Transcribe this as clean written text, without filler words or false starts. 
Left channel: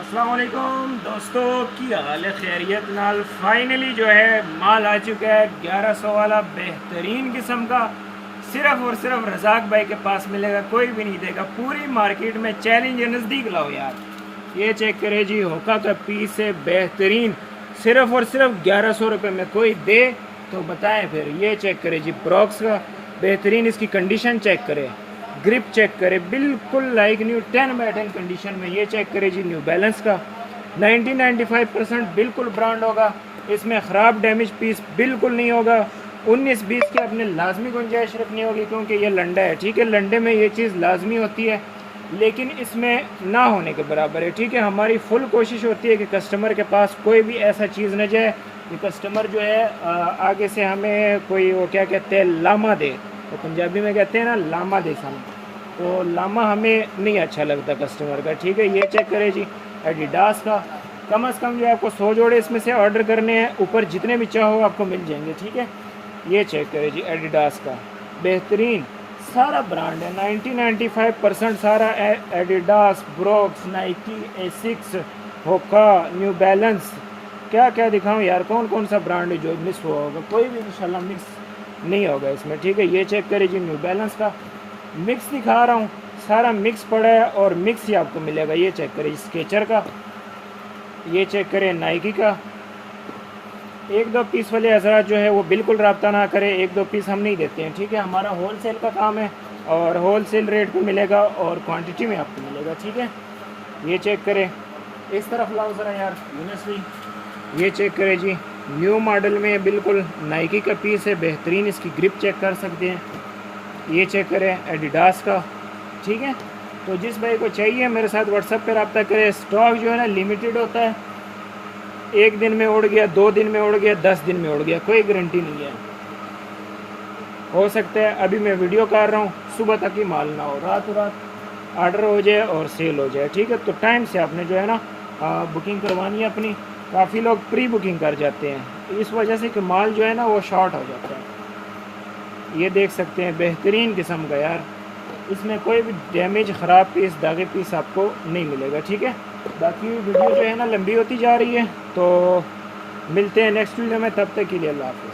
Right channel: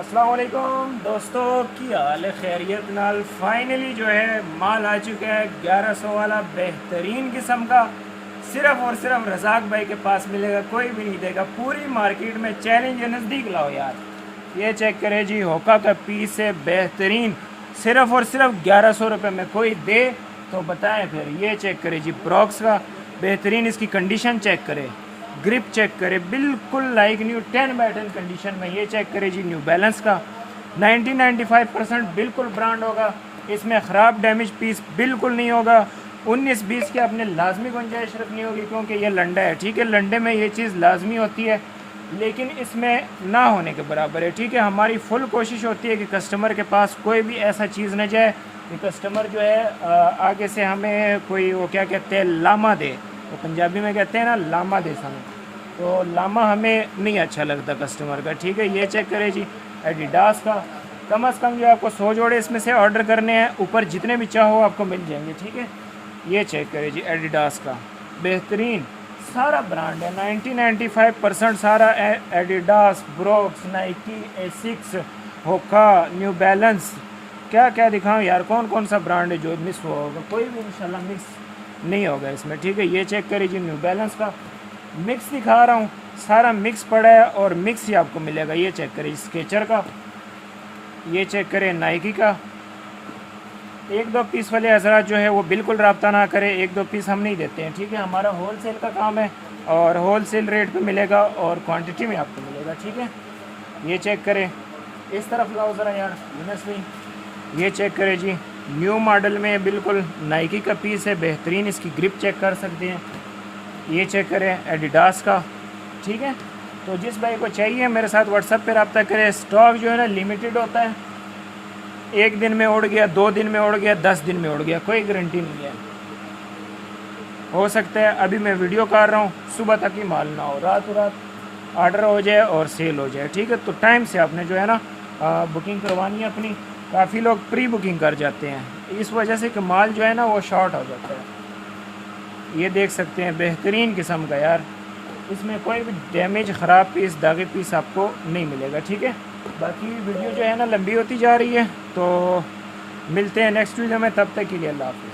अस्सलाम वालेकुम दोस्तों, की हाल है? खैरियत नाल फाइनली जो है माल आ चुका है 1100 वाला बेहतरीन किस्म का। सिर्फ और सिर्फ रजाक भाई के पास मिलेगा, कोई भी नहीं देगा। पूरी मार्केट में चैलेंज है, नज़दीक लाओ यार। ये चेक करे जी, होका का पीस है बेहतरीन, सिर्फ और सिर्फ 1100 रुपये में। कोई दे तो बताएं फिर। ये चेक करे जी, प्रॉक्स का बेहतरीन, इसकी कंडीशन चेक करे, ग्रिप चेक करे, बिल्कुल लाइक न्यू 10/10 कंडीशन में। ये चेक करे जी, न्यू बैलेंस का 90-95% बिल्कुल ब्रांड होगा। इसमें ख़राब डैमेज पीस बिल्कुल नहीं होगा। 19-20 के अपने लाजमी गुंजाइश रखनी होगी, क्योंकि ये लंडा है, ठीक है। लंडे में ये चीज़ लाजमी होती है, लेकिन इसमें ना होने के बराबर है, ठीक है। हमारी फुल कोशिश होती है कि कस्टमर के पास कोई भी ऐसा चीज़ न जाए कि कस्टमर जो है आगे से हमें कोई वो क्या कहते हैं लामा दे, तो पंजाबी में कहते हैं ना लामा दे सन, तो लामा हमें नहीं अच्छा लगता कस्टमर का, ठीक है। ये चेक करें जी, एडिडास का कम से कम जो आपको 100 जोड़े इसमें से ऑर्डर करने हैं, ऊपर जितने भी चाहो आपको मिल जाएंगे, ठीक है। ये चेक करें जी, एडिडास का बेहतरीन सारा ब्रांड है, 90-95% सारा एडिडास, ब्रोक्स, नाइकी, एसिक्स, होका, न्यू बैलेंस। क्या क्या दिखाऊं यार, कौन कौन सा ब्रांड है जो मिस हुआ होगा? कोई भी इंशाल्लाह मिस नहीं होगा इसमें, ठीक है। ये चेक करिए जी, न्यू बैलेंस का मिक्स दिखा रहा हूँ, सारा मिक्स पड़ा है और मिक्स ही आपको मिलेगा। ये चेक करिए स्केचर का, ये चेक करें नाइकी का। 1-2 पीस वाले हजरात जो है वो बिल्कुल रब्ता ना करें, 1-2 पीस हम नहीं देते हैं, ठीक है। हमारा होल सेल का काम है और होल सेल रेट पे मिलेगा और क्वांटिटी में आपको मिलेगा, ठीक है। ये चेक करें, इस तरफ लाओ ज़रा यार यूनस भाई। ये चेक करें जी, न्यू मॉडल में बिल्कुल नाइकी का पीस है, बेहतरीन, इसकी ग्रिप चेक कर सकते हैं। ये चेक करें एडिडास का, ठीक है। तो जिस भाई को चाहिए मेरे साथ व्हाट्सएप पे रब्ता करें। स्टॉक जो है ना लिमिटेड होता है, 1 दिन में उड़ गया, 2 दिन में उड़ गया, 10 दिन में उड़ गया, कोई गारंटी नहीं है। हो सकता है अभी मैं वीडियो कर रहा हूँ, सुबह तक ही माल ना हो, रात ऑर्डर हो जाए और सेल हो जाए, ठीक है। तो टाइम से आपने जो है ना बुकिंग करवानी है अपनी। काफ़ी लोग प्री बुकिंग कर जाते हैं, इस वजह से कि माल जो है ना वो शॉर्ट हो जाता है। ये देख सकते हैं बेहतरीन किस्म का यार, इसमें कोई भी डैमेज, ख़राब पीस, दागे पीस आपको नहीं मिलेगा, ठीक है। बाकी वीडियो जो है ना लंबी होती जा रही है, तो मिलते हैं नेक्स्ट वीडियो में, तब तक के लिए अल्लाह हाफ़िज़।